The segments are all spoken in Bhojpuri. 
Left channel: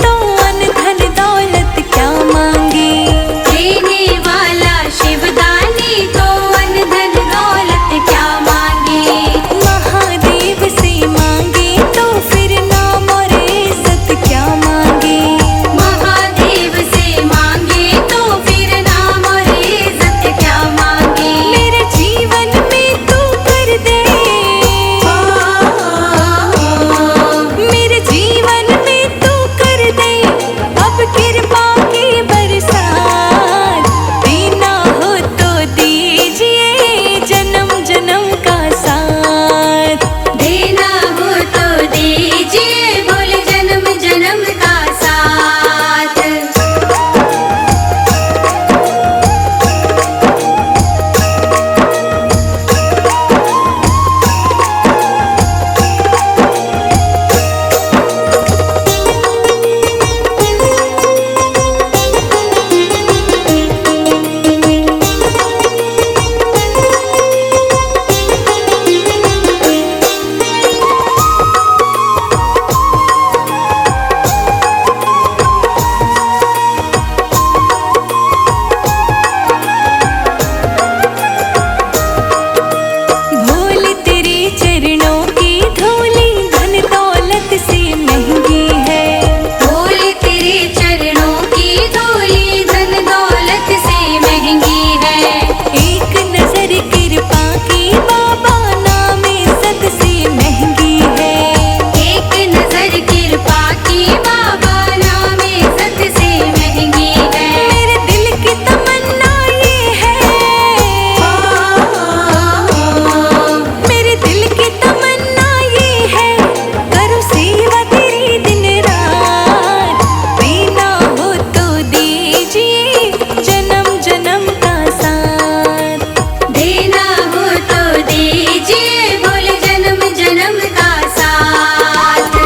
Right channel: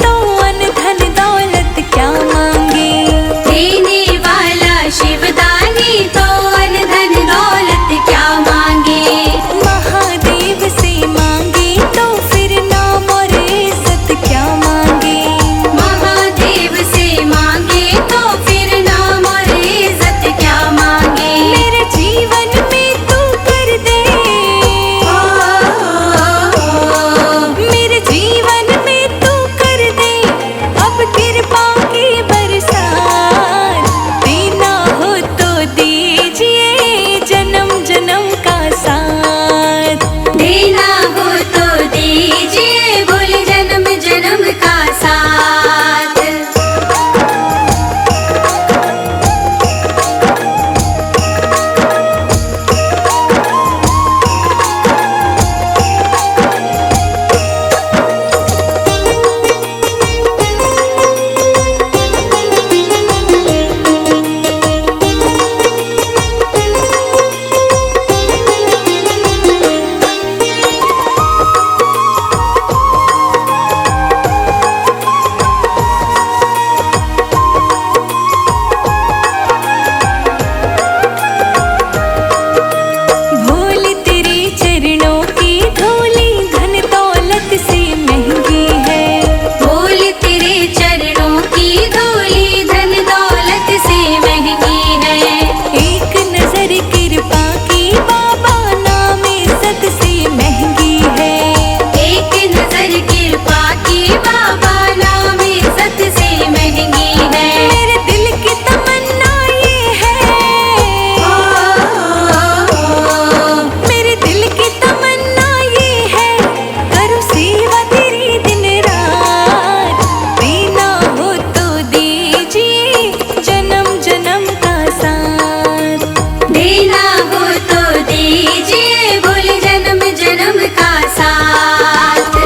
तो अन धन दौलत क्या मांगे। देने वाला शिवदानी तो अन धन दौलत क्या मांगे। महादेव से मांगे तो फिर नाम और इज्जत क्या मांगे। महादेव से मांगे तो फिर नाम और इज्जत क्या मांगे। मेरे जीवन में तू कर दे, मेरे जीवन में तू कर दे अब कृपा की बरसात। देना हो तो दीजिए जन्म जन्म का साथ। देना हो तो दीजिए बोले जन्म जन्म का साथ। चरणों की धूली धन दौलत से महंगी है। बोल तेरे चरणों की धूली धन दौलत से महंगी है। एक नजर कृपा की बाबा नाम इज्जत से महंगी है। एक नजर कृपा की बाबा नाम इज्जत से महंगी है। मेरे दिल की तमन्ना ये है, मेरे दिल की तमन्ना ये है करूँ सेवा तेरी दिन रात। देना हो तो दीजिए जन्म जन्म का साथ। देना हो तो दीजिए बोले जन्म जन्म का साथ।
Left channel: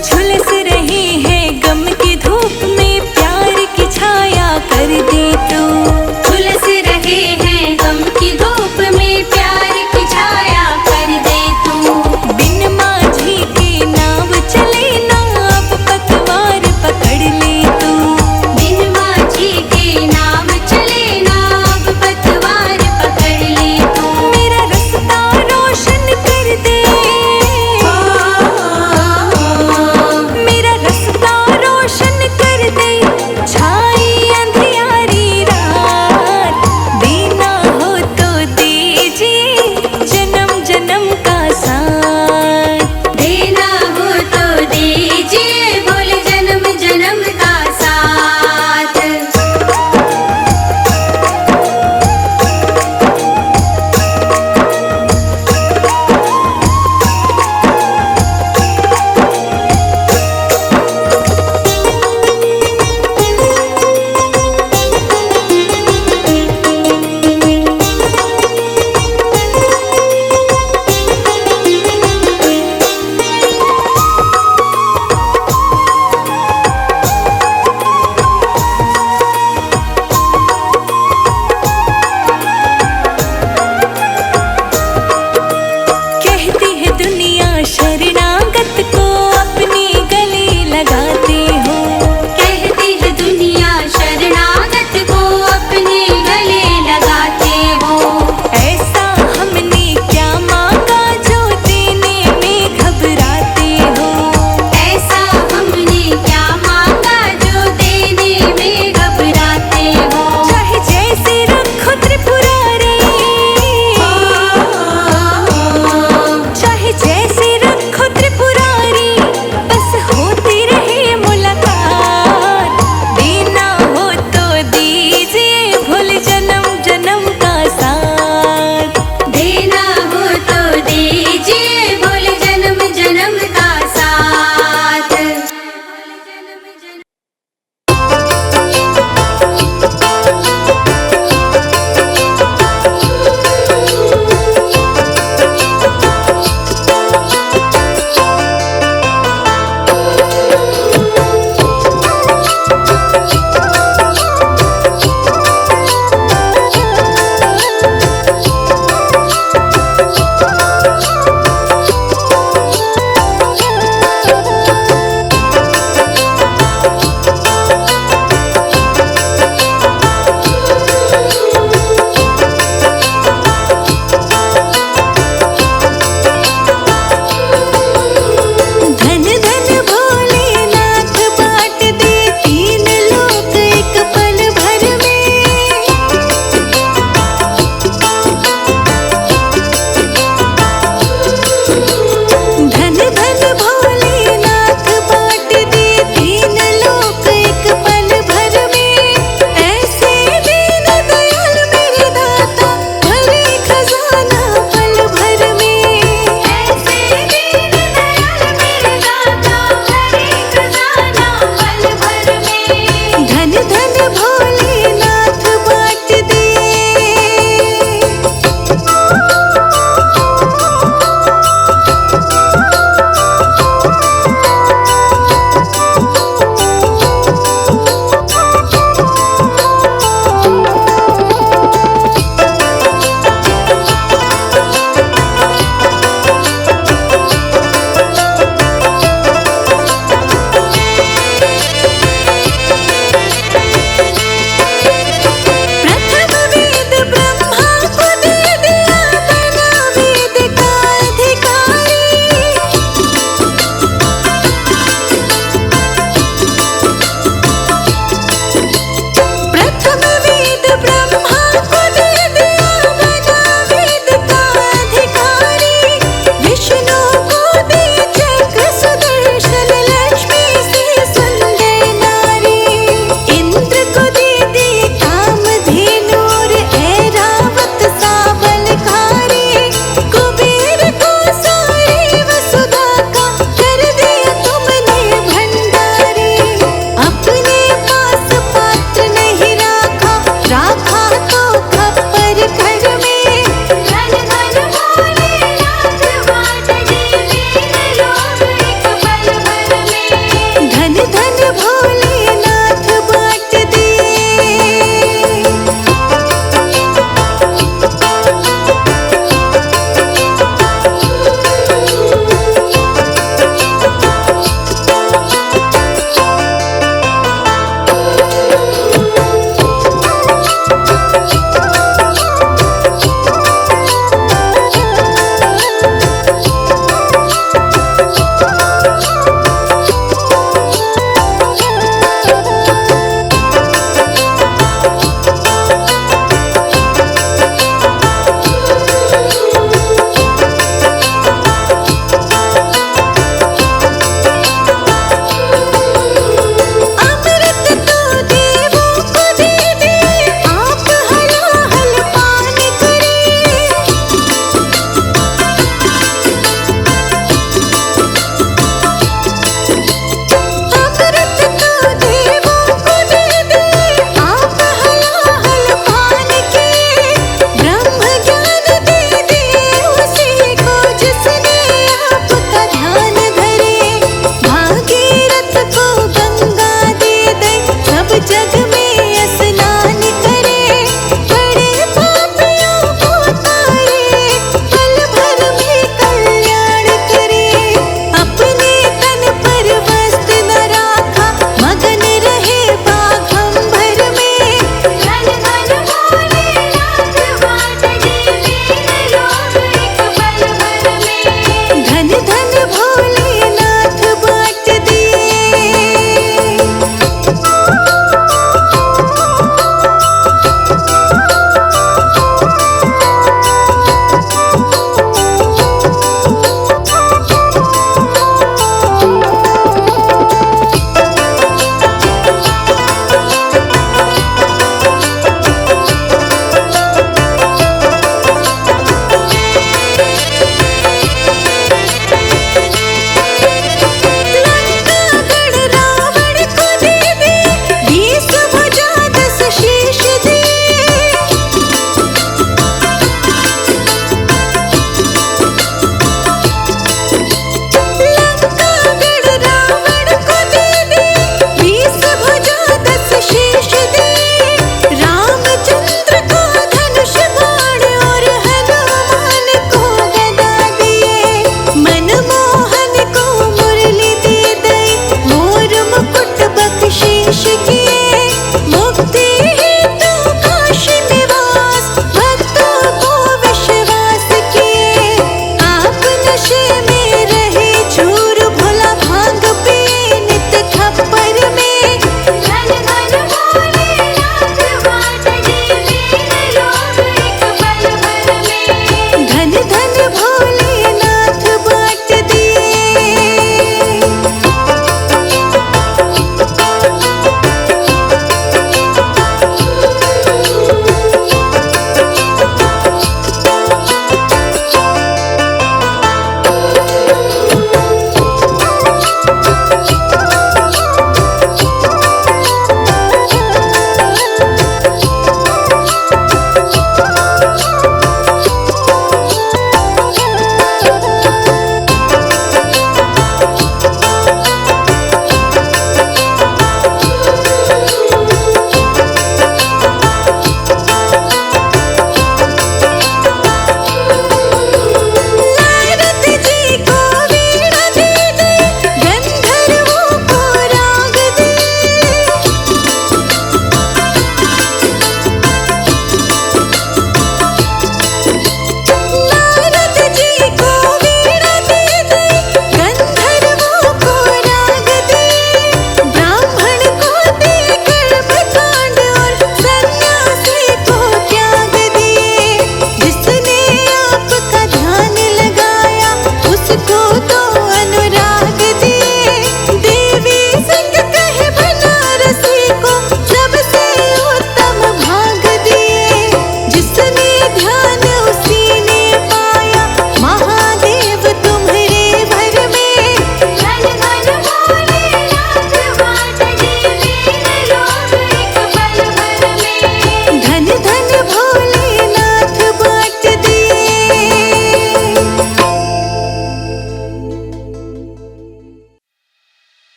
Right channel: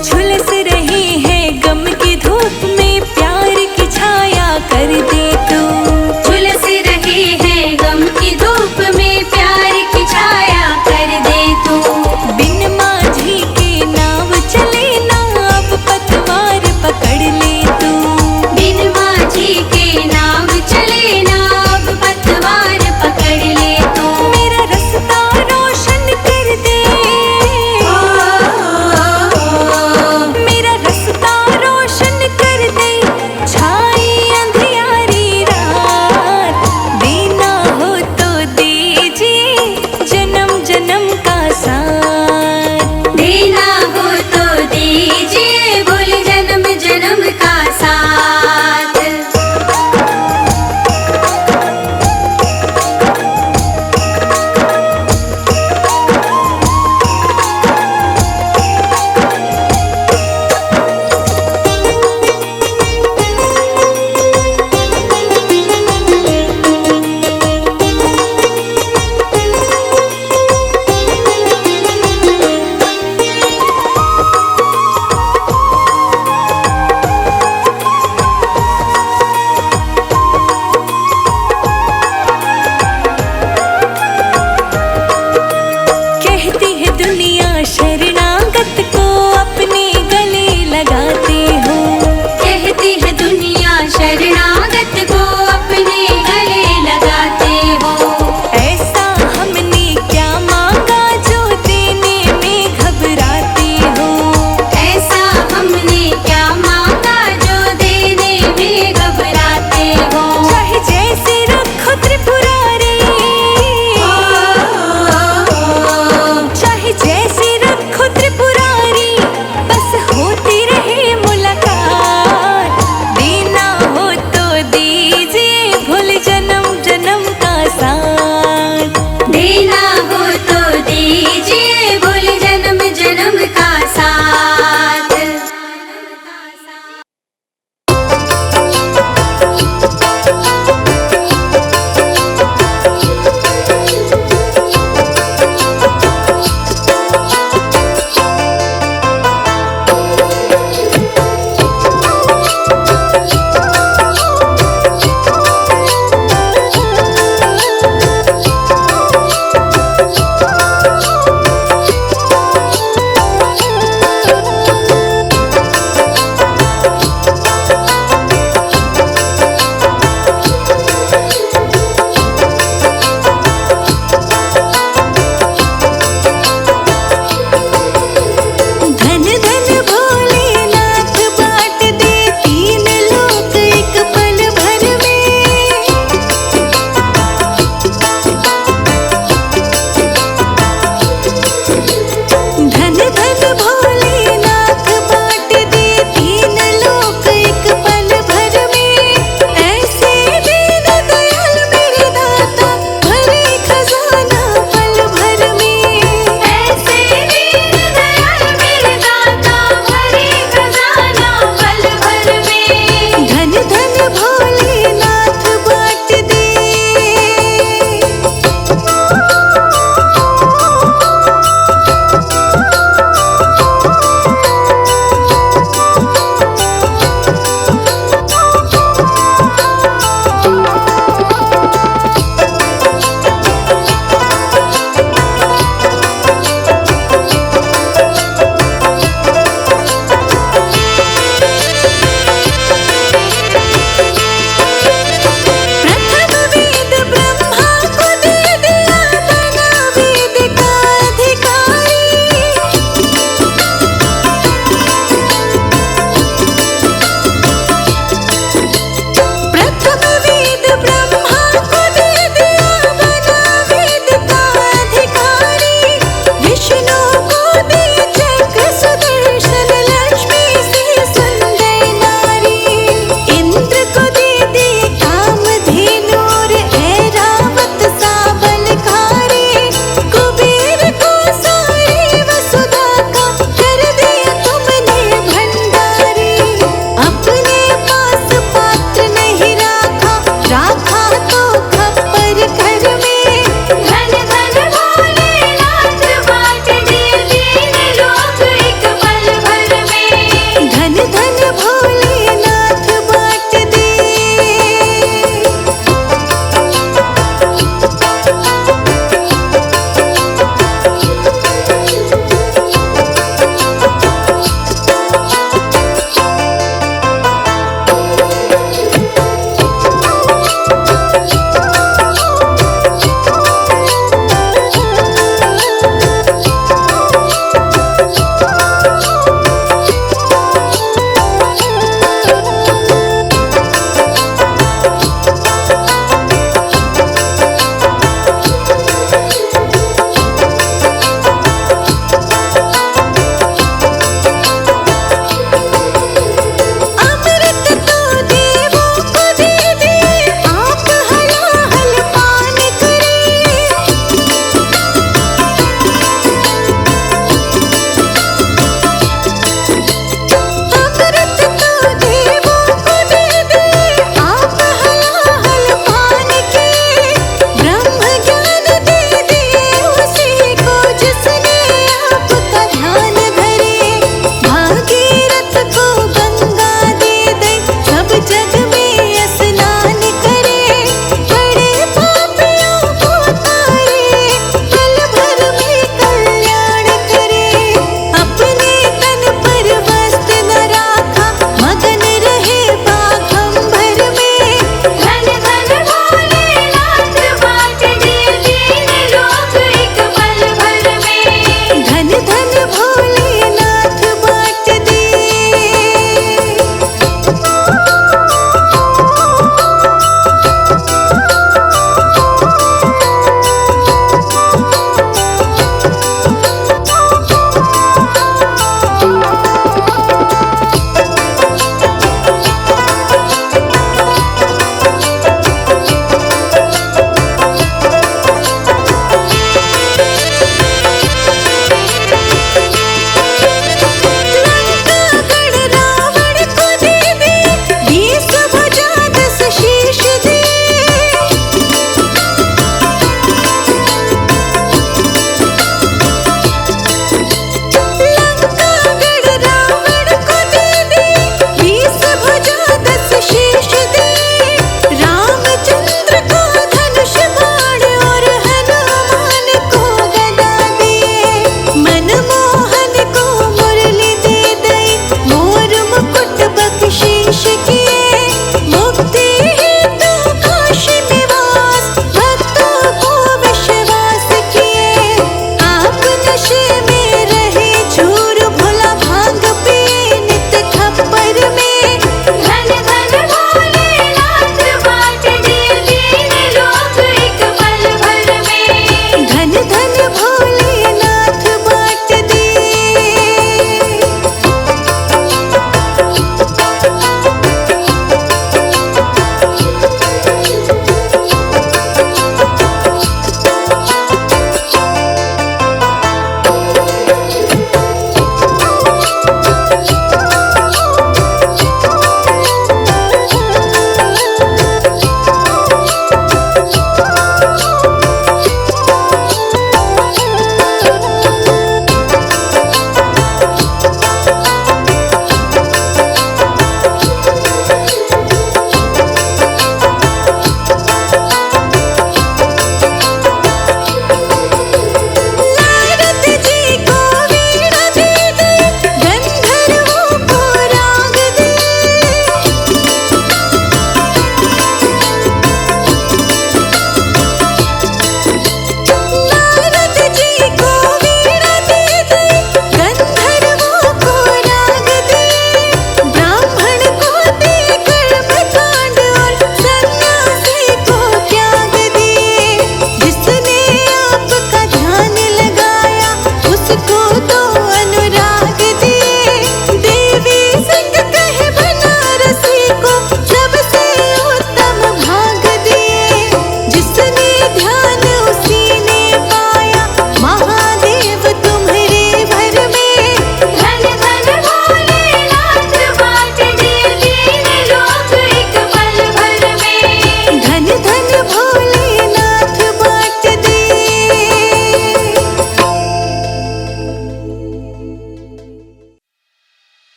झुलस रहे हैं गम की धूप में प्यार की छाया कर दे तू। झुलस रहे हैं गम की धूप में प्यार की छाया कर दे तू। बिन माझी के नाव चले ना अब पतवार पकड़ ले तू। बिन माझी के नाव चले ना अब पतवार पकड़ ले तू। मेरा रास्ता रोशन कर दे, मेरा रास्ता रोशन कर दे छाई अंधियारी रात। देना हो तो दीजिए जन्म जन्म का साथ। देना हो तो दीजिए बोले जन्म जन्म का साथ। कहती है दुनिया शरणागत को अपने गले लगाते हो। कहती है दुनिया शरणागत को अपने गले लगाते हो। ऐसा हमने क्या मांगा जो देने में घबराते हो। ऐसा हमने क्या मांगा जो देने में घबराते हो। चाहे जैसे रखो त्रिपुरारी, चाहे जैसे रखो त्रिपुरारी, बस होती रहे मुलाकात। हो तो दीजिए बोले जन्म जन्म का साथ।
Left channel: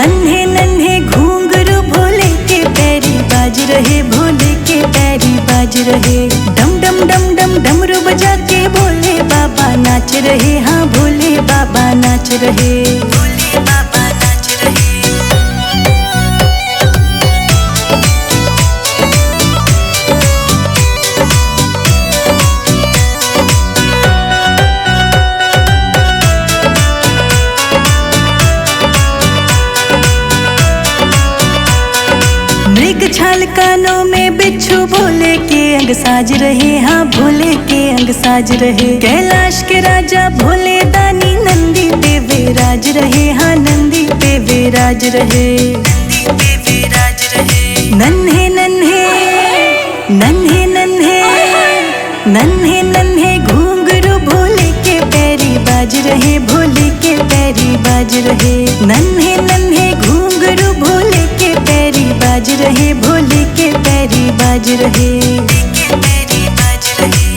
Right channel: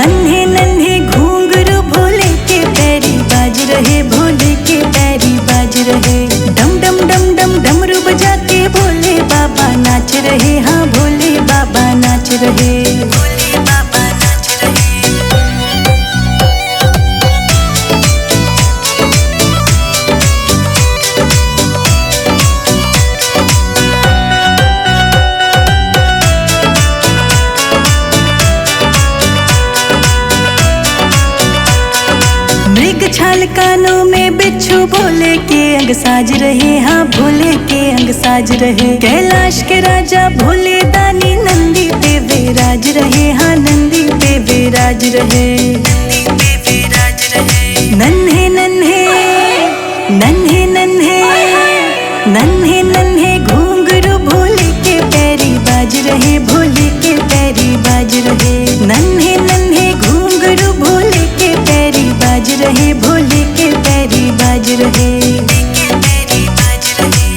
नन्हे नन्हे घूंघरू भोले के पैरी बाज रहे, भोले के पैरी बाज रहे। डम डम डम डम डमरू बजा के भोले बाबा नाच रहे, हाँ भोले बाबा नाच रहे, भोले बाबा नाच रहे। मृग छाल कानों में बिच्छू भोले के अंग साज रहे, हाँ भोले के अंग साज रहे। कैलाश के राजा भोले दानी नंदी पे विराज रहे, हाँ नंदी पे विराज रहे, नंदी पे विराज रहे। नन्हे नन्हे नन्हे नन्हे नन्हे नन्हे घूंघरू भोले के पैरी बाज रहे, भोले के पैरी बाज रहे। नन्हे नन्हे घूंघरू भोले के पैरी बाज रहे, भोले के पैरी बाज रहे, के पैरी बाज रहे।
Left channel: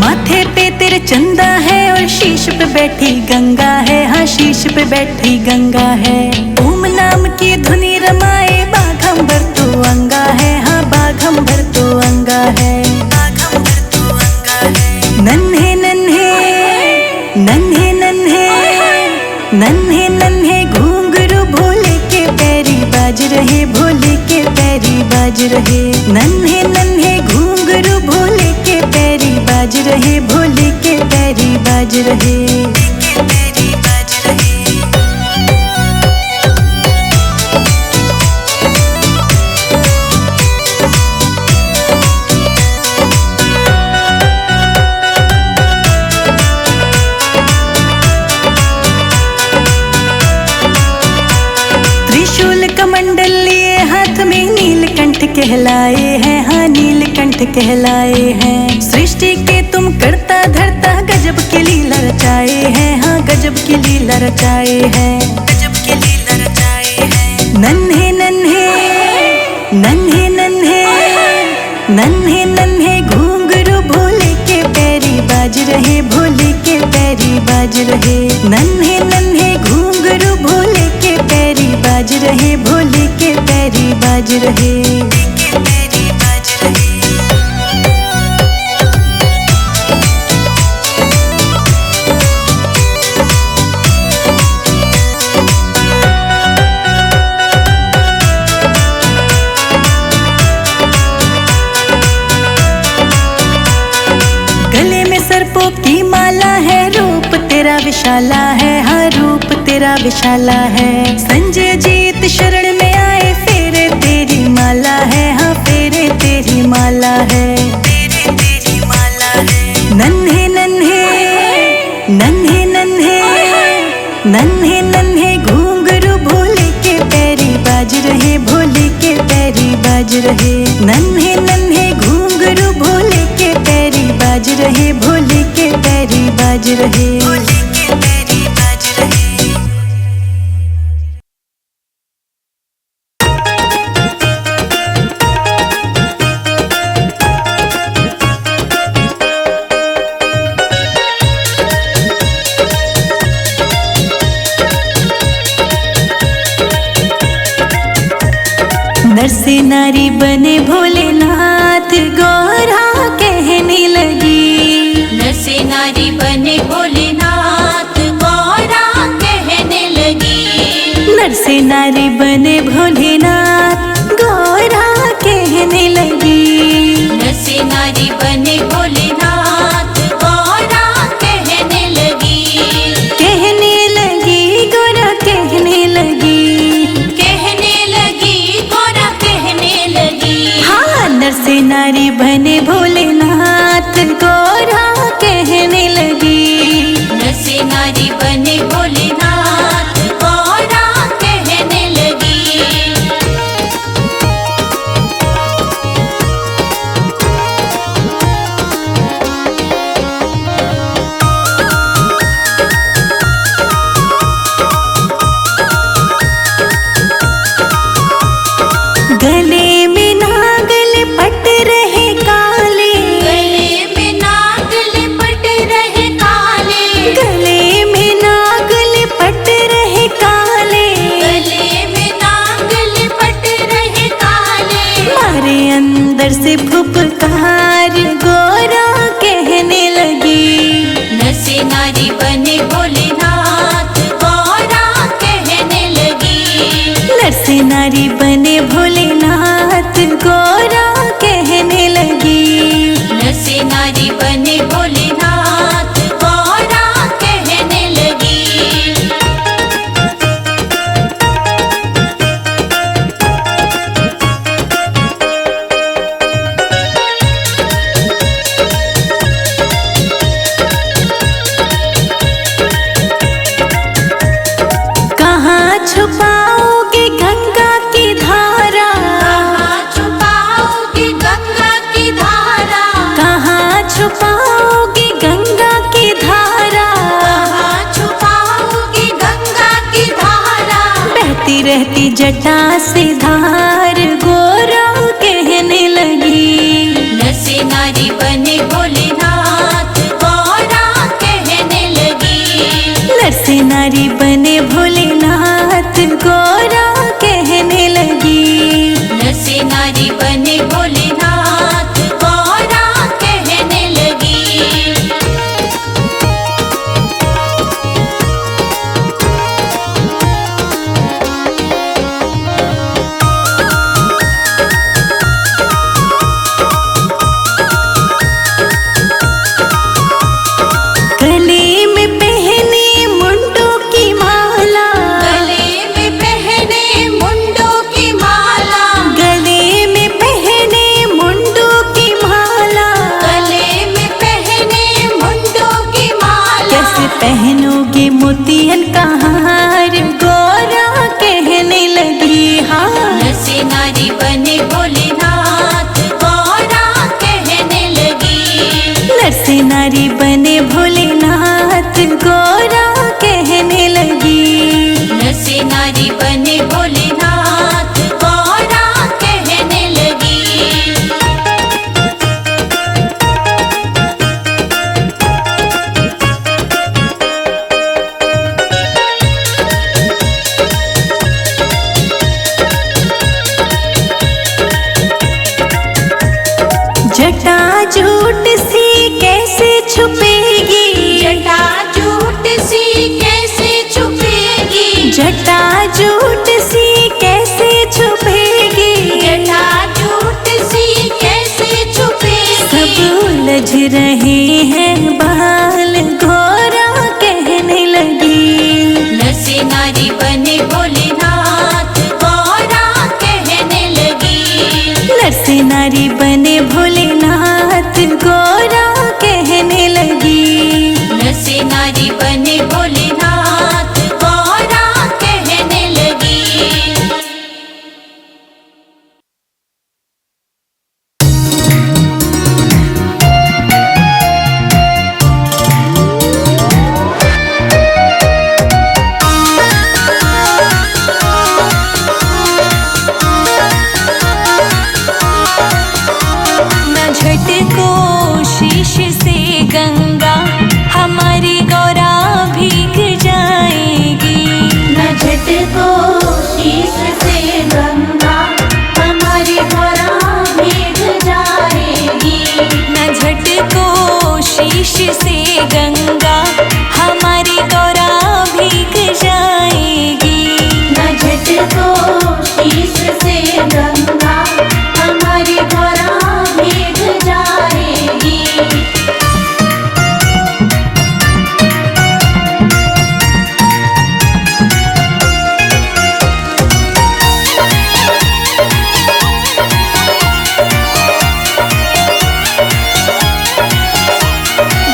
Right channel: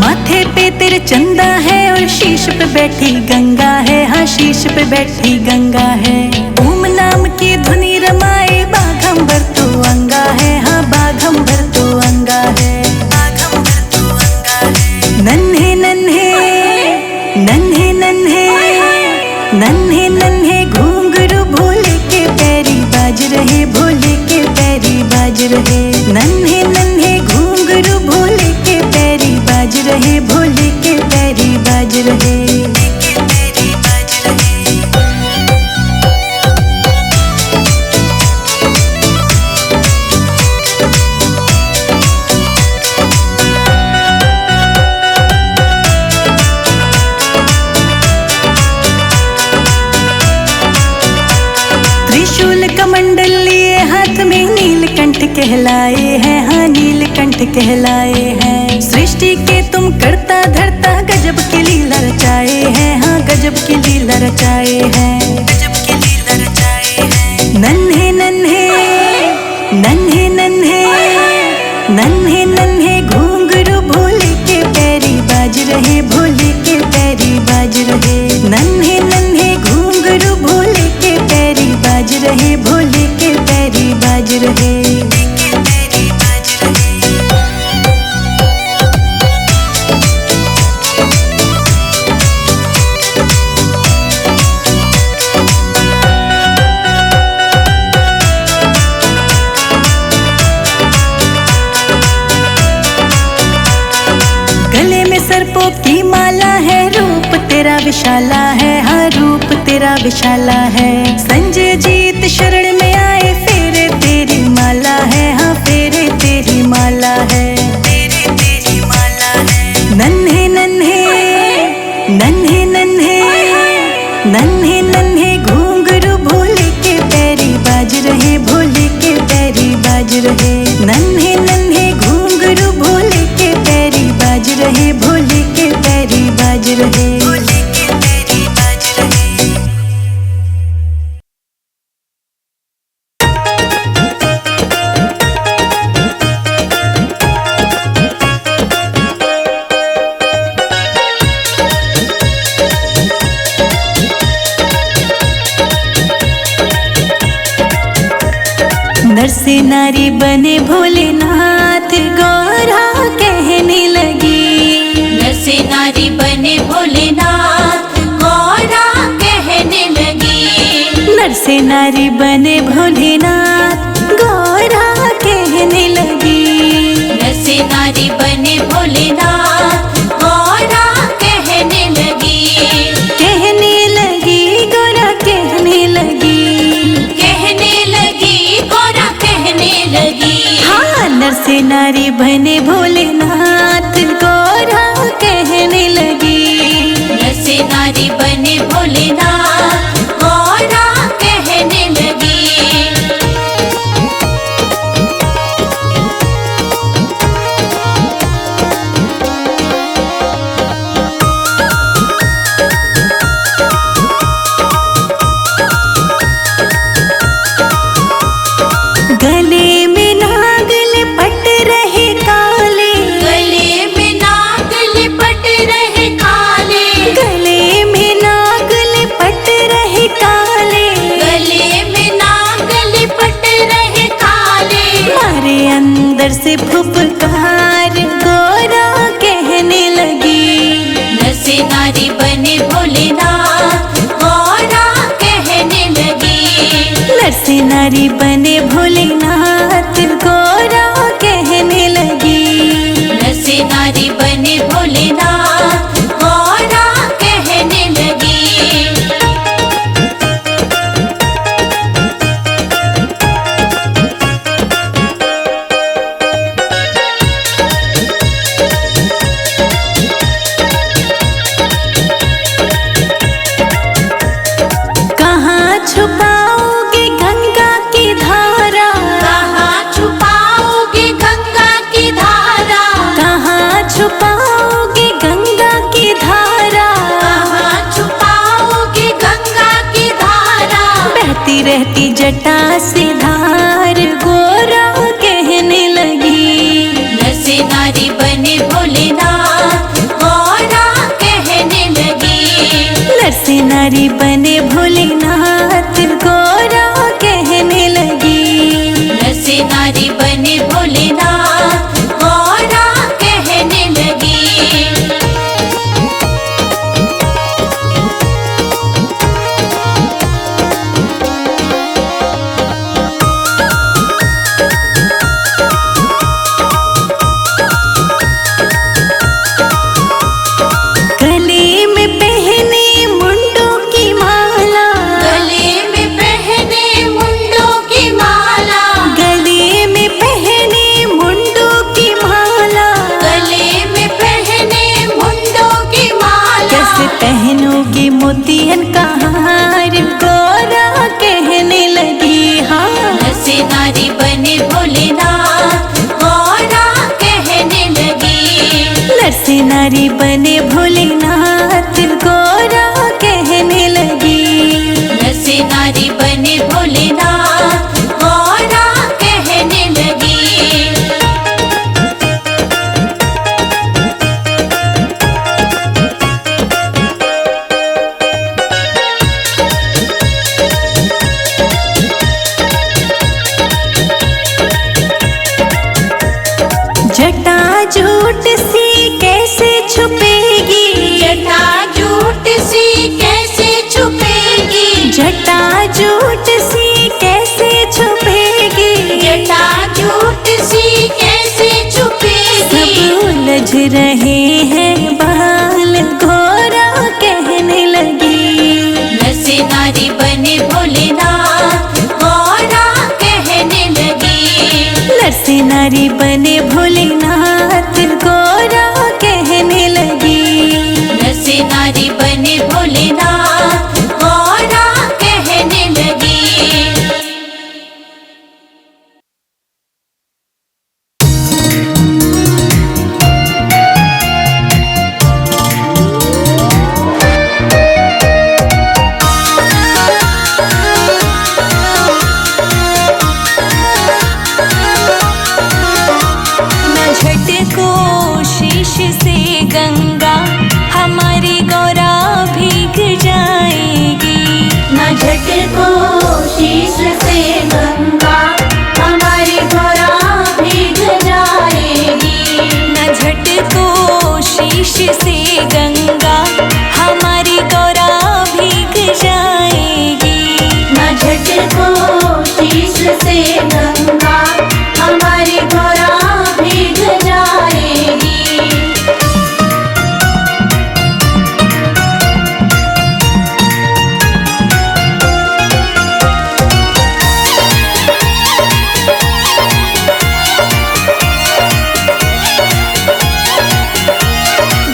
माथे पे तेरे चंदा है और शीश पे बैठी गंगा है, हाँ शीश पे बैठी गंगा है। ओम नाम की धुनी रमाए बाघंबर तो अंगा है, हाँ बाघंबर तो अंगा है, बाघंबर तो अंगा है। नन्हे नन्हे नन्हे नन्हे नन्हे नन्हे घूंघरू भोले के पैरी बाज रहे, भोले के पैरी बाज रहे। नन्हे नन्हे घूंघरू भोले के पैरी बाज रहे, भोले के पैरी बाज रहे, के पैरी बाज रहे। त्रिशूल कमंडल लिए हाथ में नीलकंठ कहलाए हैं, हाँ नीलकंठ कहलाए हैं। सृष्टि के तुम करता धरता गजब की लीला रचाए हैं, हाँ गजब की लीला रचाए हैं, गजब की लीला रचाए हैं। नन्हे नन्हे नन्हे नन्हे नन्हे नन्हे घूंघरू भोले के पैरी बाज रहे, भोले के पैरी बाज रहे। नन्हे नन्हे घूंघरू भोले के पैरी बाज रहे, भोले के पैरी बाज रहे, के पैरी बाज रहे। गले में सर्पों की माला है, रूप तेरा विशाला है, हाँ रूप तेरा विशाला है। संजय जीत शरण में आए, फेरे तेरी माला है, हाँ फेरे तेरी माला है, फेरे तेरी माला है। नन्हे नन्हे नन्हे नन्हे नन्हे नन्हे घूंघरू भोले के पैरी बाज रहे, भोले के पैरी बाज रहे। नन्हे नन्हे घूंघरू भोले के पैरी बाज रहे, भोले के पैरी बाज रहे, भोले के पैरी बाज रहे। नर से नारी बने भोलेनाथ, गौरा कहने लगी। नर से नारी बने भोलेनाथ, गौरा कहने लगी। नर से नारी बने भोलेनाथ, गौरा कहने लगी। नर से नारी बने भोलेनाथ, गौरा कहने लगी। कहने लगी गौरा कहने लगी, कहने लगी गौरा कहने लगी। हाँ नर से नारी बने भोलेनाथ, गौरा कहने लगी। नर से नारी बने भोलेनाथ, गौरा कहने लगी। अंदर से फुफकार गोरा कहने लगी। नर से नारी बने भोलेनाथ गौरा कहने लगी। नर से नारी बने भोलेनाथ गौरा कहने लगी। नर से नारी बने भोलेनाथ गौरा कहने लगी। कहाँ छुपाओगे गंगा की धारा? कहाँ छुपाओगे गंगा की धारा? कहाँ छुपाओगे गंगा की धारा? कहाँ छुपाओगे गंगा की धारा? बहती रहती जटा से धार गोरा कहने लगी। नर से नारी बने भोलेनाथ गौरा कहने लगी। नर से नारी बने भोलेनाथ गौरा कहने लगी। नर से नारी बने भोलेनाथ गौरा कहने लगी। गले में पहने मुंडों की माला। गले में पहने मुंडों की माला। गले में पहने मुंडों की माला। गले में पहने मुंडों की माला। कैसे पहनोगे मोतियन का हार गोरा कहने लगी। हाँ नर से नारी बने भोलेनाथ गौरा कहने लगी। नर से नारी बने भोलेनाथ गौरा कहने लगी। नर से नारी बने भोलेनाथ गौरा कहने लगी। जटा झूठ सी कैसे छुपेगी? जटा झूठ सी कैसे छुपेगी? जटा झूठ सी कैसे छुपेगी? जटा झूठ सी कैसे छुपेगी? सब उलझ रहे हैं बाल घोरा कहने लगी। नर से नारी बने भोलेनाथ गौरा कहने लगी। नर से नारी बने भोलेनाथ गौरा कहने लगी। नर से नारी बने भोलेनाथ गौरा कहने लगी। न झटको शीश से गंगा हमारी गौरा भीग जाएगी। न झटको शीश से गंगा हमारी गौरा भीग जाएगी। न झटको शीश से गंगा हमारी गौरा भीग जाएगी। न झटको शीश से गंगा हमारी गौरा भीग जाएगी।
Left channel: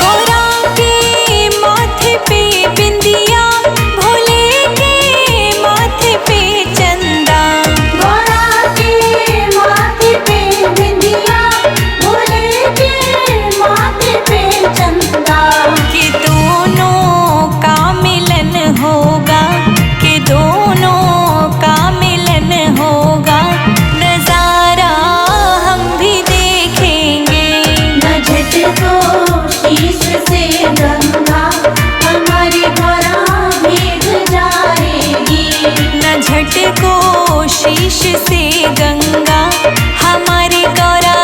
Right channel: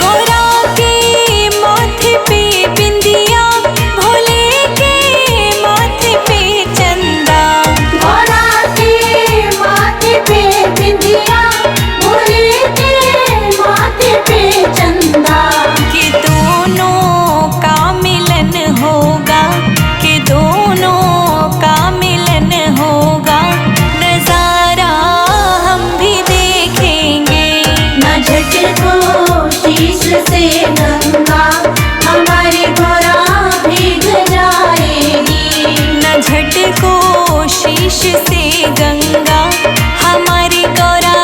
गौरा के माथे पे बिंदिया, भोले के माथे पे चंदा। गौरा के माथे पे बिंदिया, भोले के माथे पे चंदा। कि दोनों का मिलन होगा, कि दोनों का मिलन होगा, नजारा हम भी देखेंगे। न झटको शीश से गंगा हमारी गौरा भीग जाएगी। न झटको शीश से गंगा हमारी गौरा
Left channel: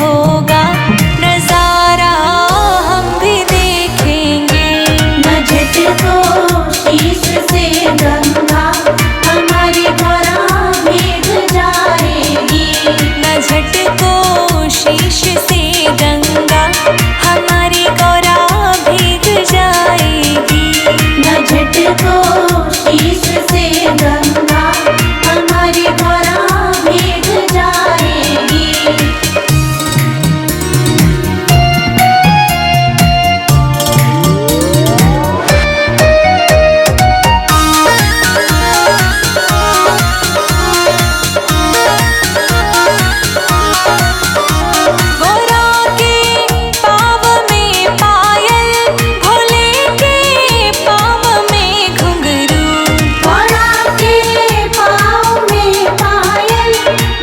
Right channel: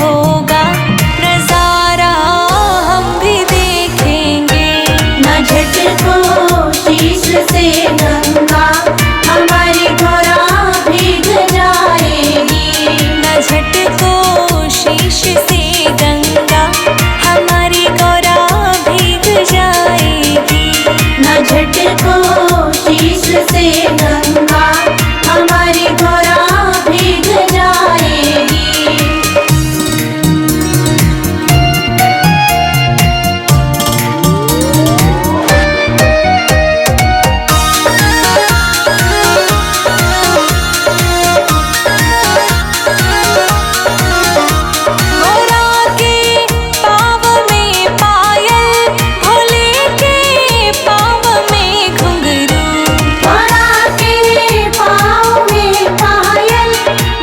होगा, नजारा हम भी देखेंगे। न झटको शीश से गंगा हमारी गोरा भीग जाएगी। न झटको शीश से गंगा हमारी गोरा भीग जाएगी। न झटको शीश से गंगा हमारी गोरा भीग जाएगी। गोरा के पाँव में पायल, भोले के पाँव में घुंघरू। गोरा के पाँव में पायल,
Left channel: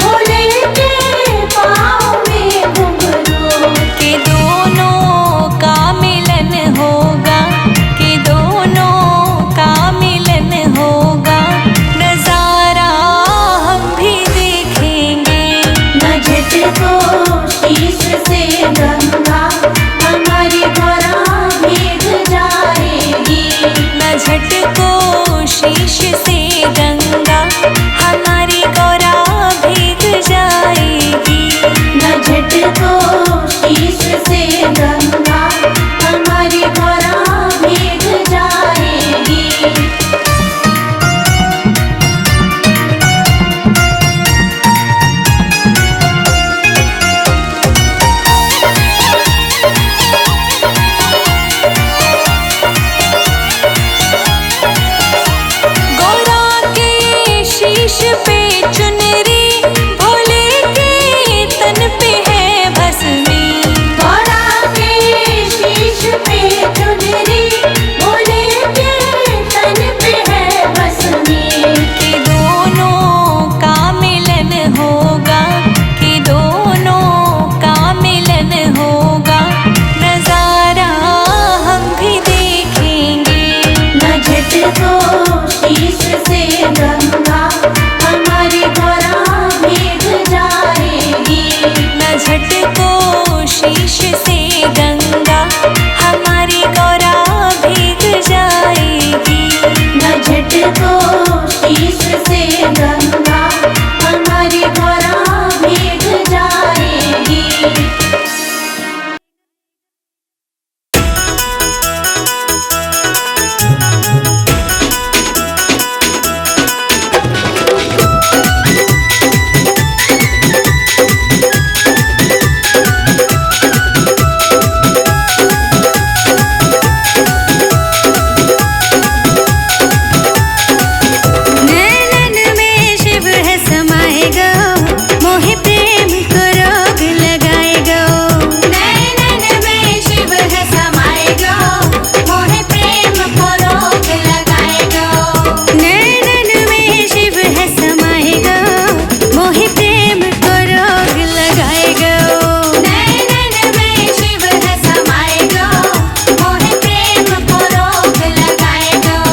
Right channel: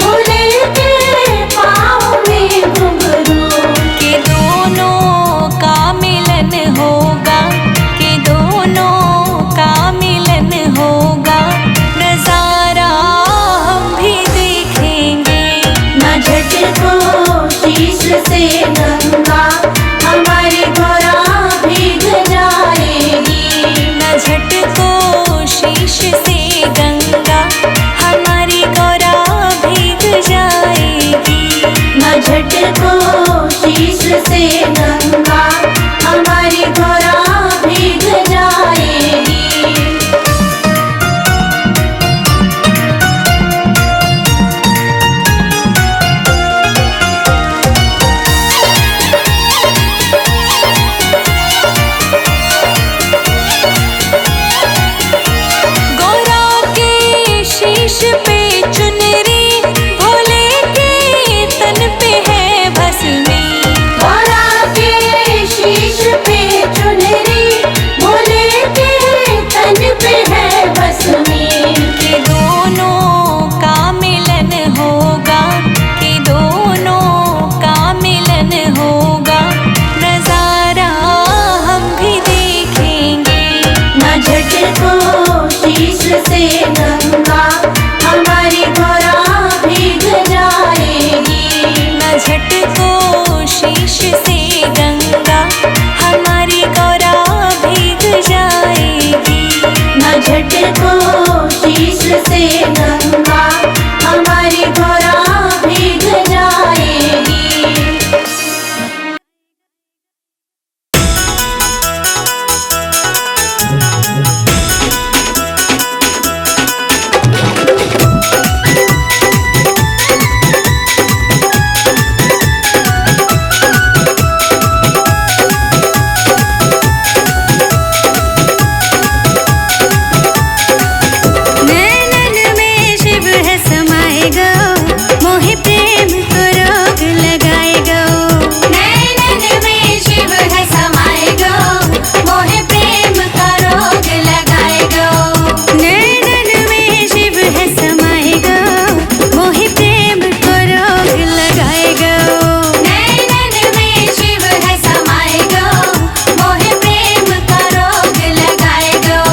भोले के पाँव में घुंघरू। के दोनों का मिलन होगा, के दोनों का मिलन होगा, नजारा हम भी देखेंगे। न झटको शीश से गंगा हमारी गोरा भीग जाएगी। न झटको शीश से गंगा हमारी गोरा भीग जाएगी। न झटको शीश से गंगा हमारी गोरा भीग जाएगी। गोरा के शीश पे चुनरी, भोले के तन पे है भस्मी। गोरा के शीश पे चुनरी, भोले के तन पे है भस्मी। के दोनों का मिलन होगा, के दोनों का मिलन होगा, नजारा हम भी देखेंगे। न झटको शीश से गंगा हमारी गोरा भीग जाएगी। न झटको शीश से गंगा हमारी गोरा भीग जाएगी। न झटको शीश से गंगा हमारी गोरा भीग जाएगी। नैनन में शिव है समाए गो, मोहे प्रेम को रोग लगाए गो। नैनन में शिव है समाए गो, मोहे प्रेम का रोग लगाए गो। नैनन में शिव है समाए गो, मोहे प्रेम को रोग लगाए गो। नैनन में शिव है समाए गो, मोहे प्रेम का रोग लगाए गो।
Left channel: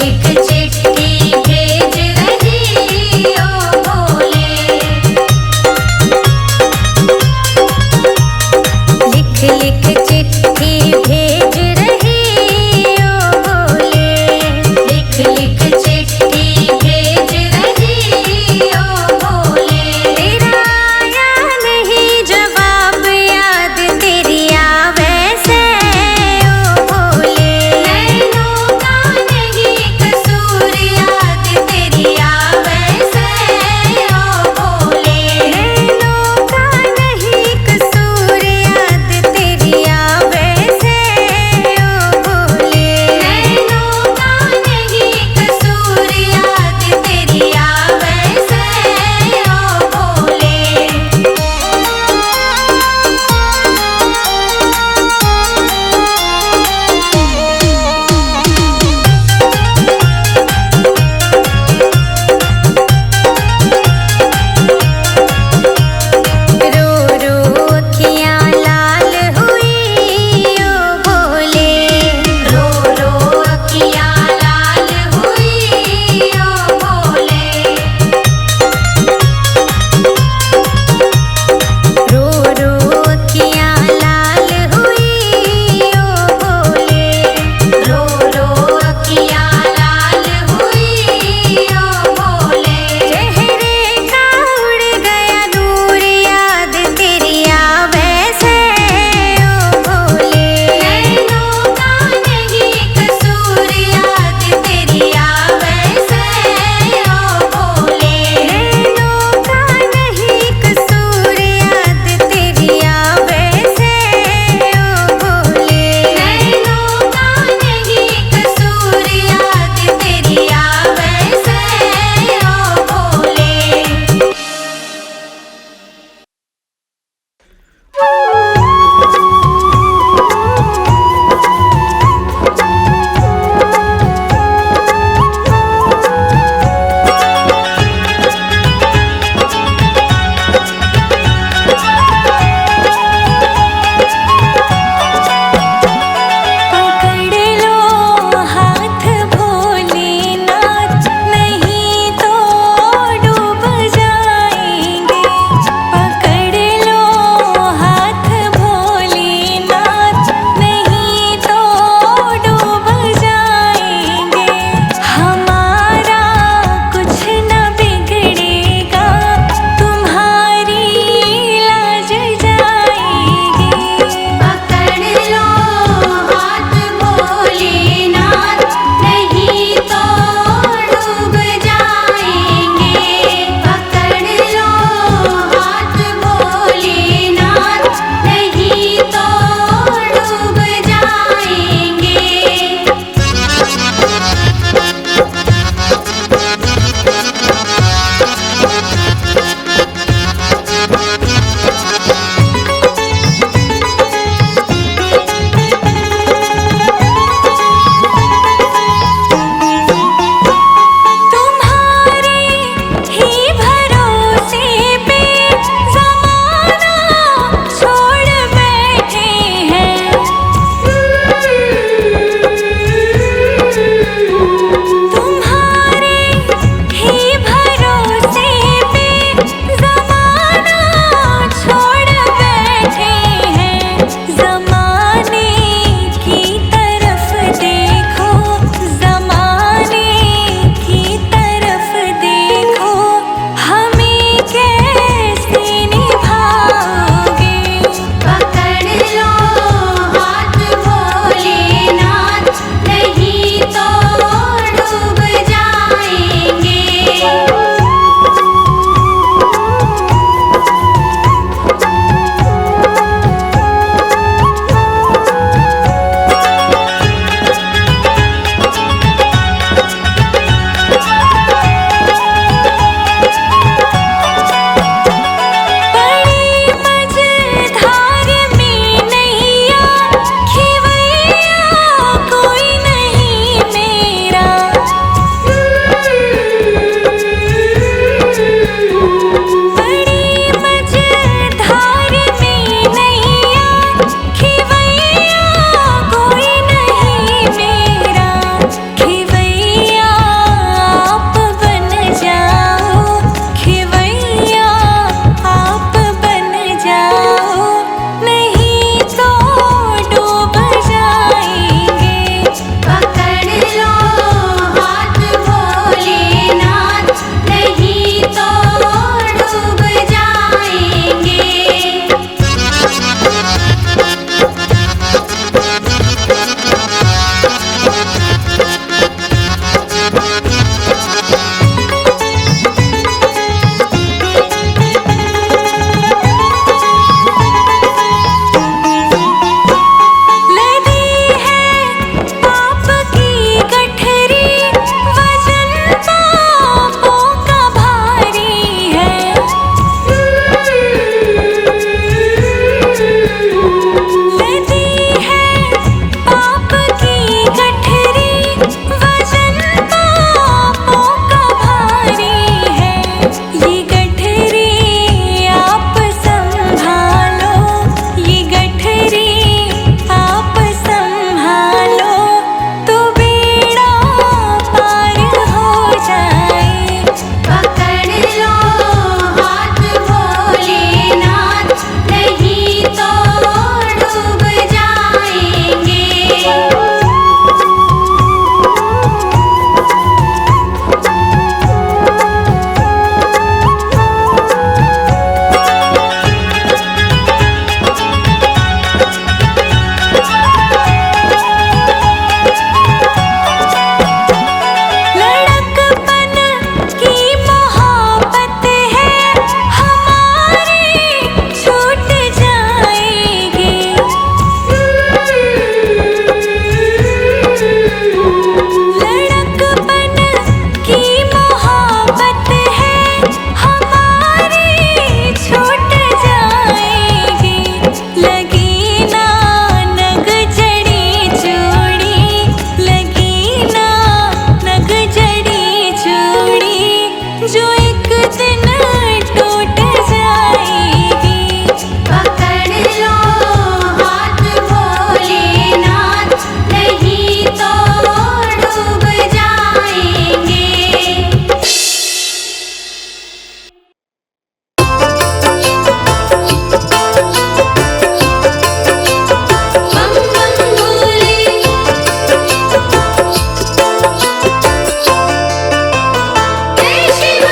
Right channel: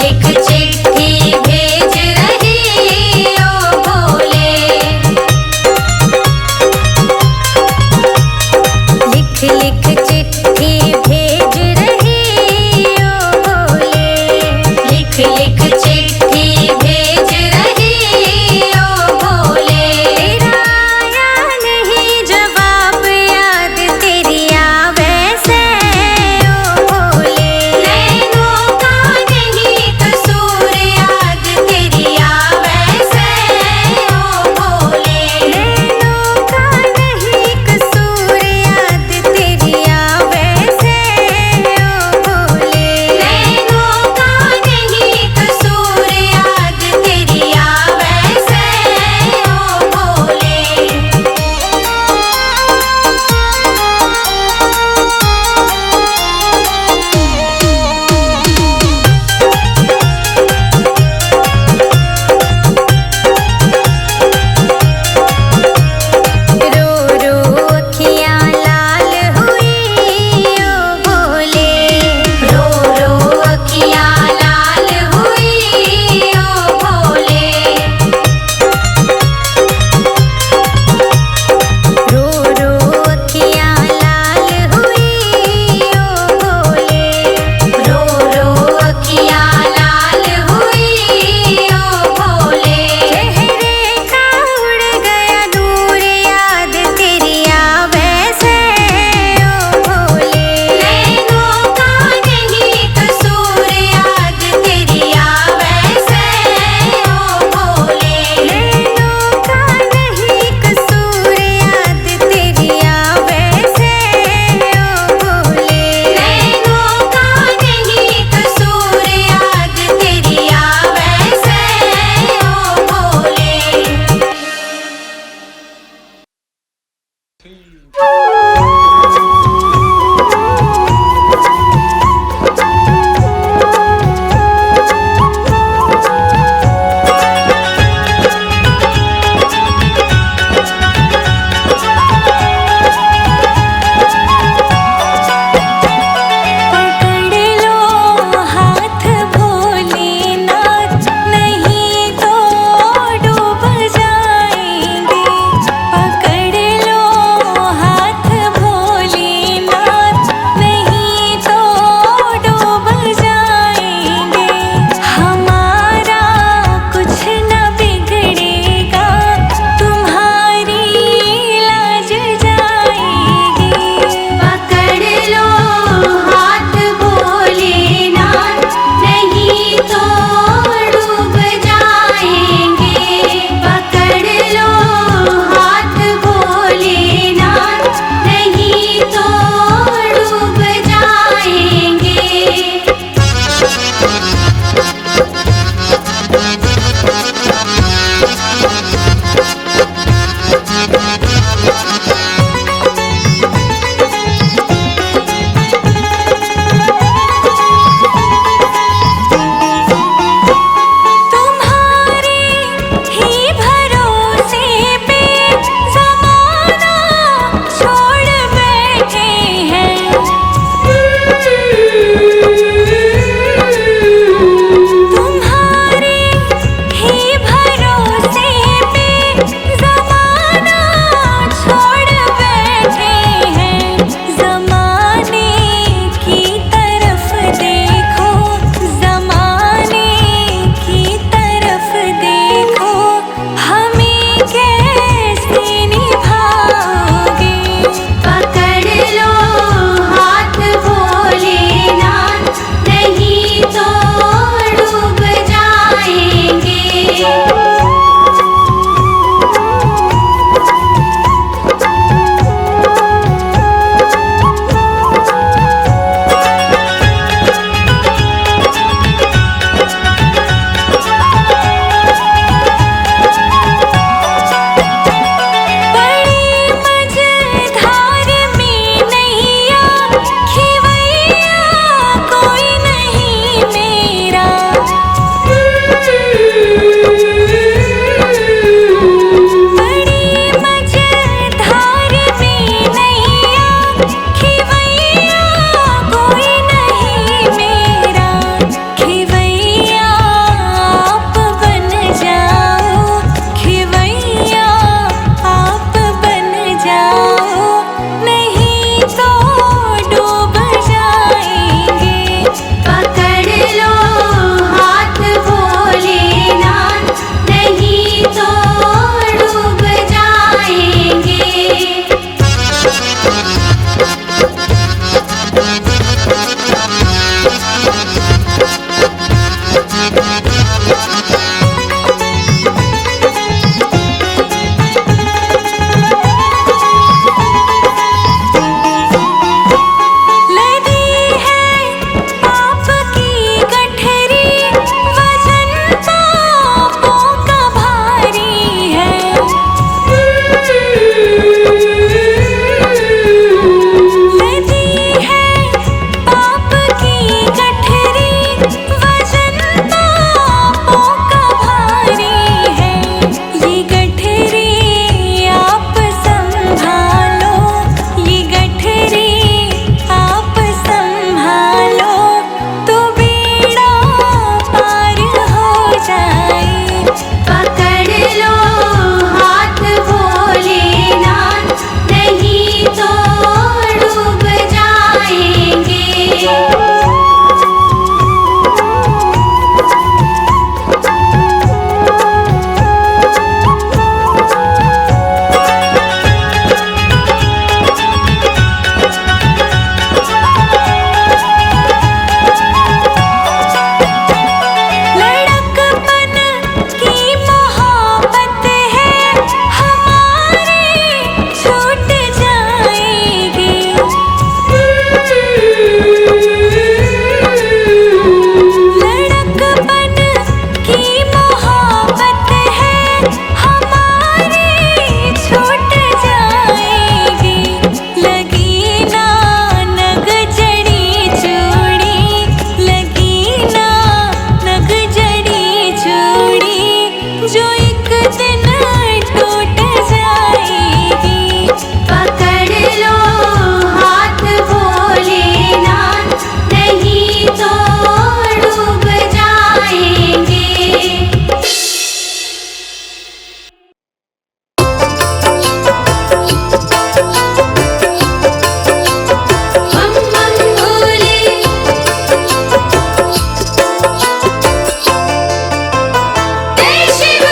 लिख चिट्ठी भेज रही ओ भोले। लिख लिख चिट्ठी भेज रही ओ भोले। लिख लिख चिट्ठी भेज रही ओ भोले। तेरा आया नहीं जवाब, याद तेरी आवे से ओ भोले। नैनों का नहीं कसूर, याद तेरी आवे से ओ भोले। नैनों का नहीं कसूर, याद तेरी आवे से ओ भोले। नैनों का नहीं कसूर, जो एक दिन टूट जाएगी। पकड़ लो हाथ भोलेनाथ, नहीं तो डूब जाएंगे। बम बम भोले, जय शिव।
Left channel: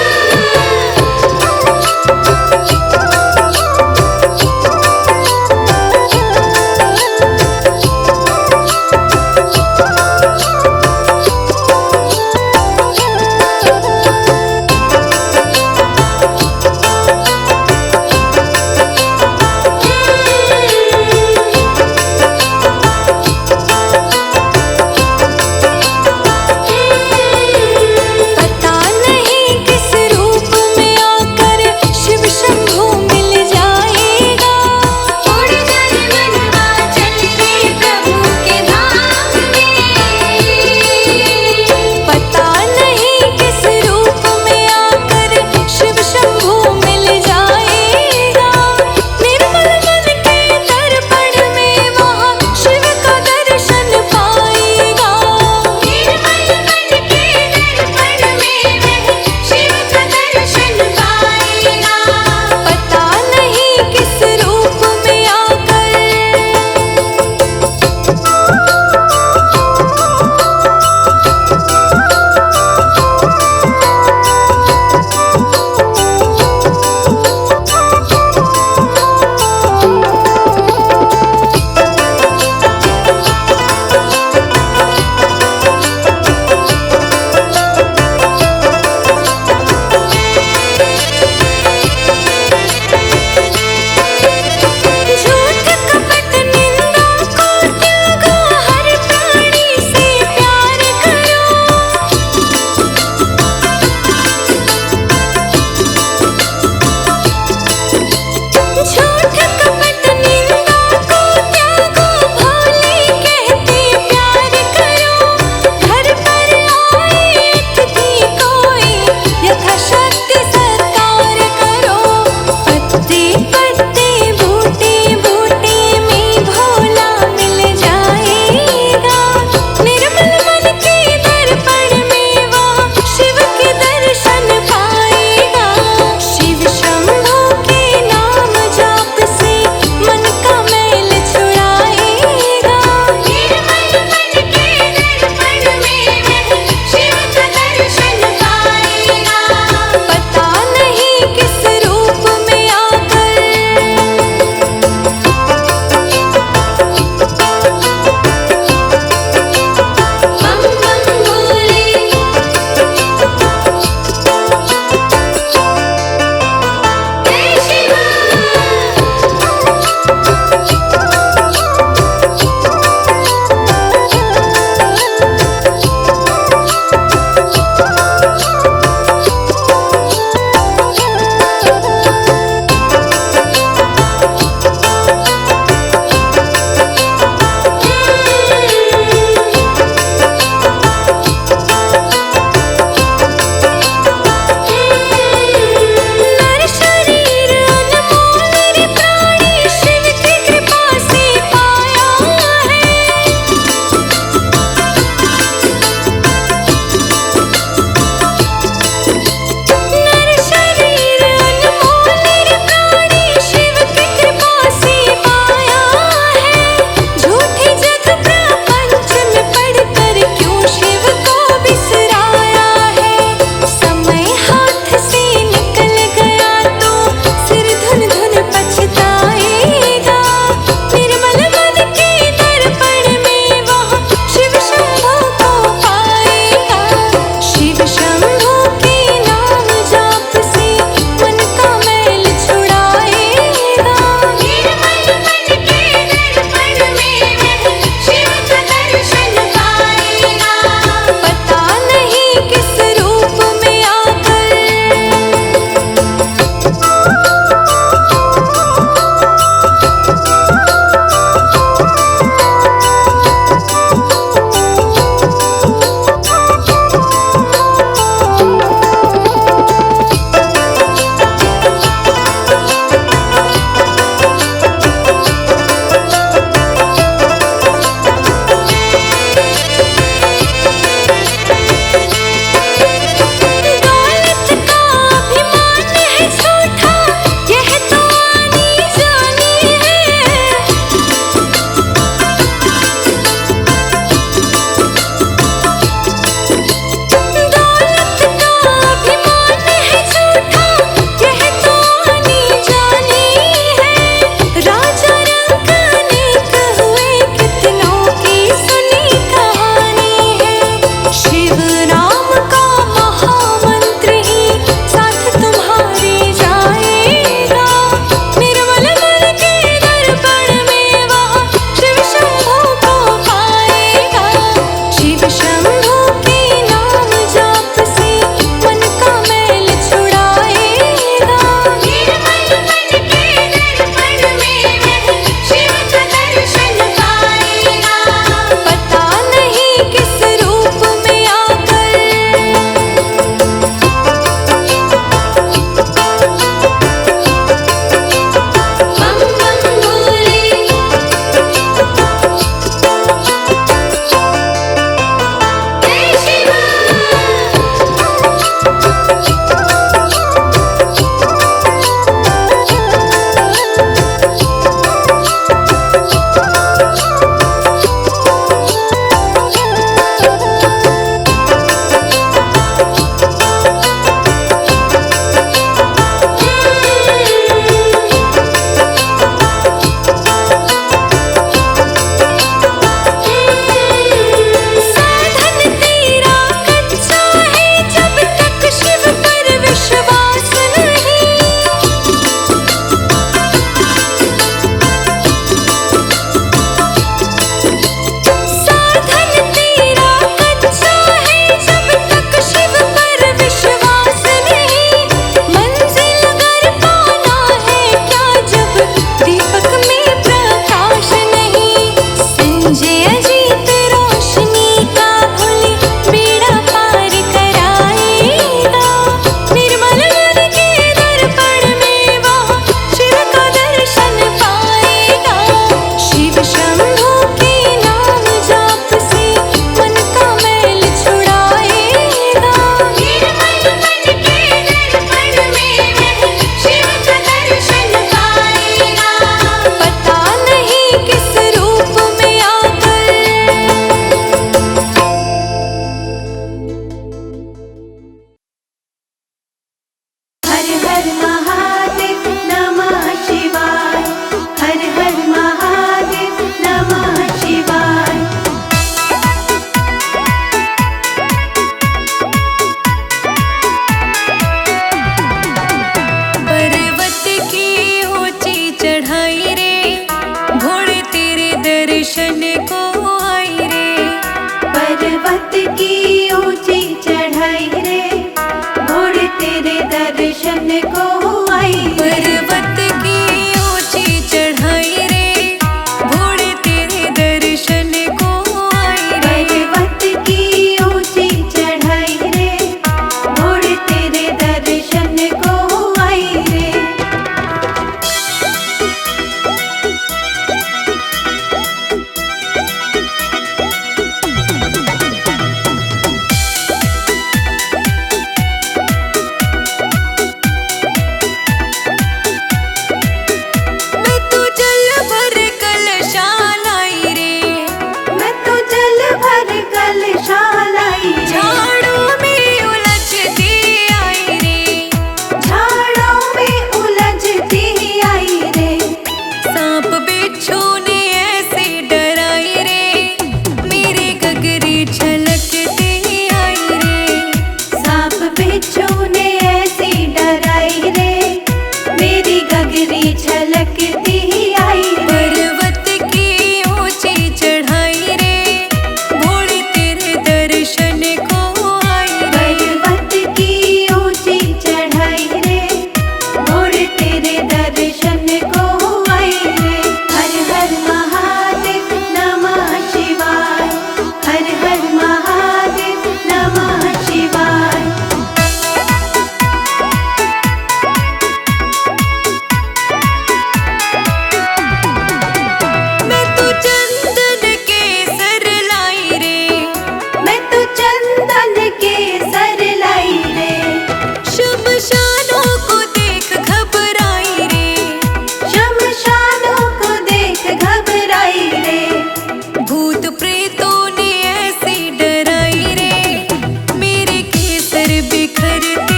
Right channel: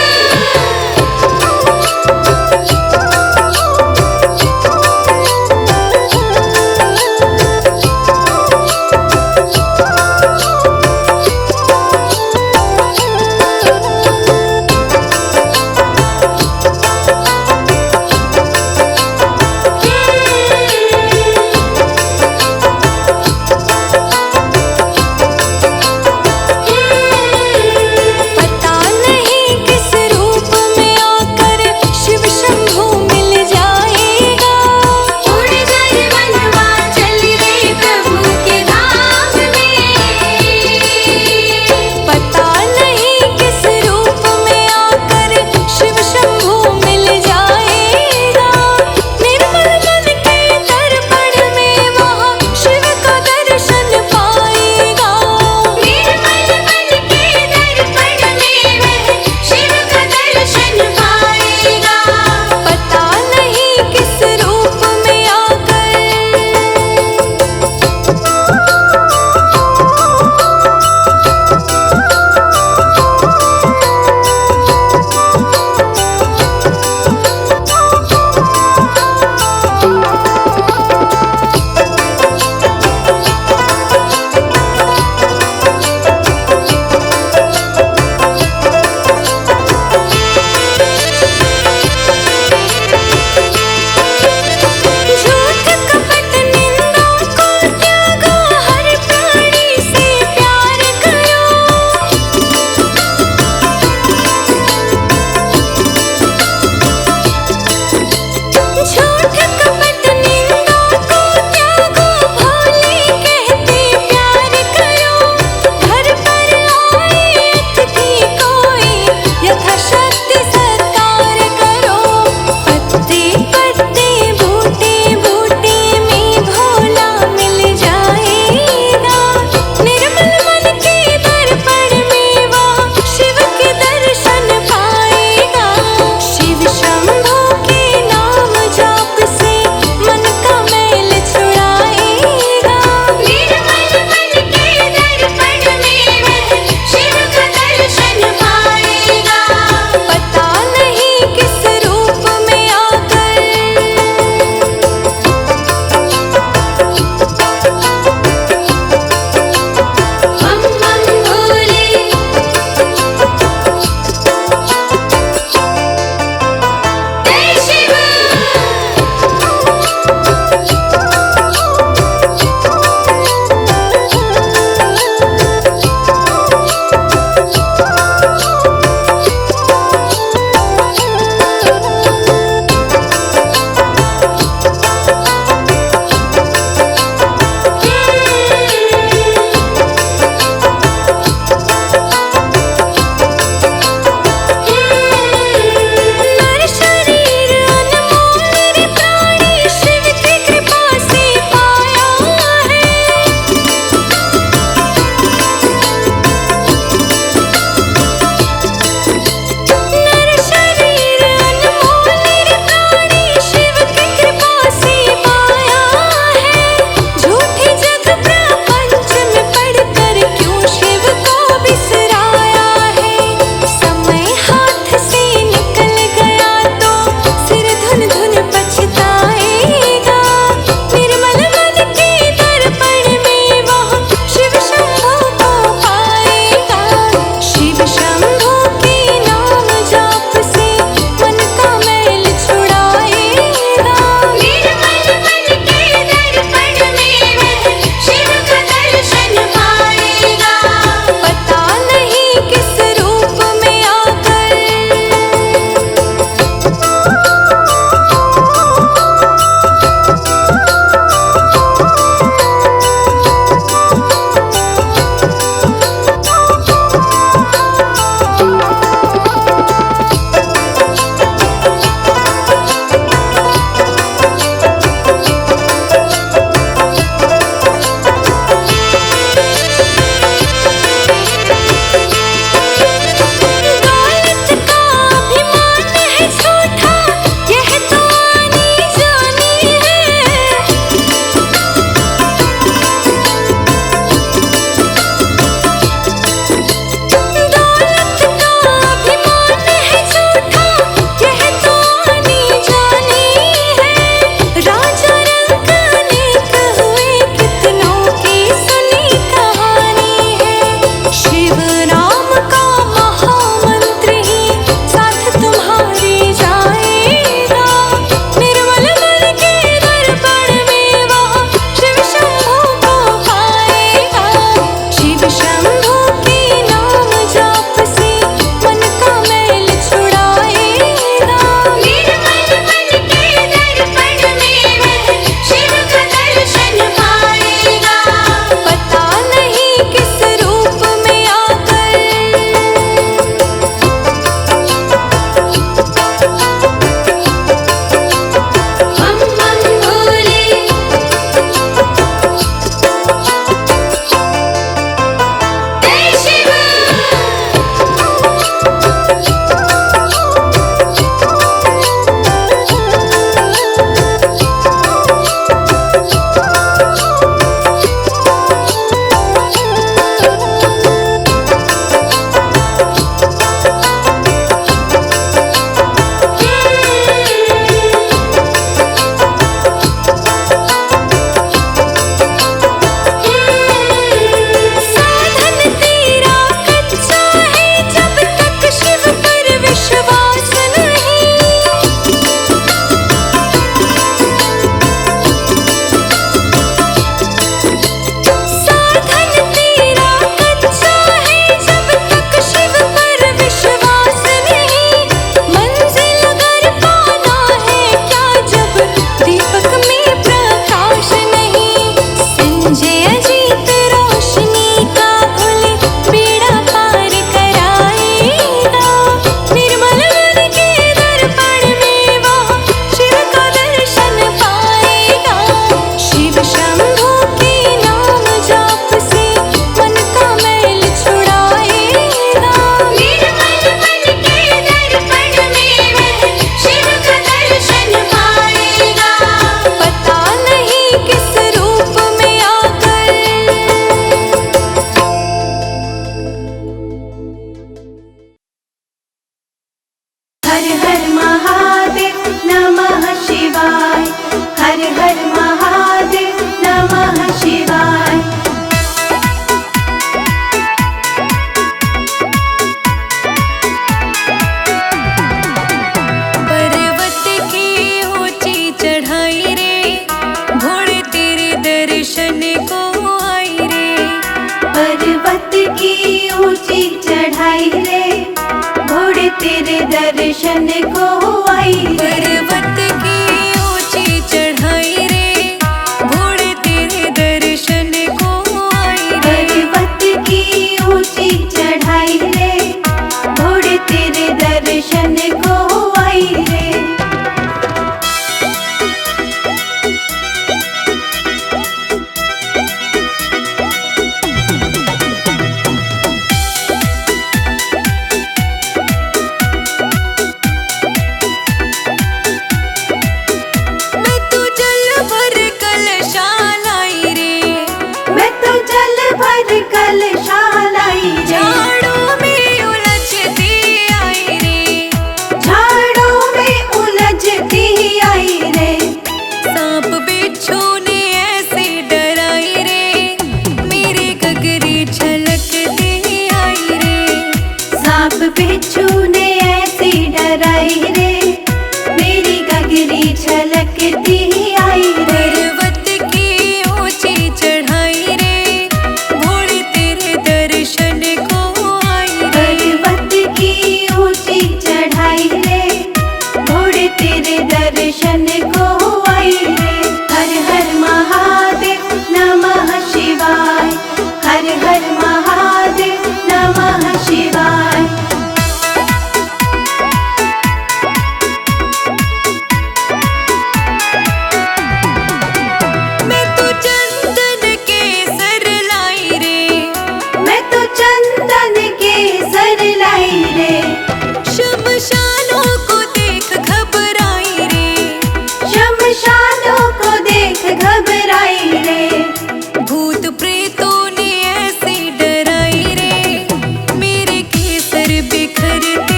करते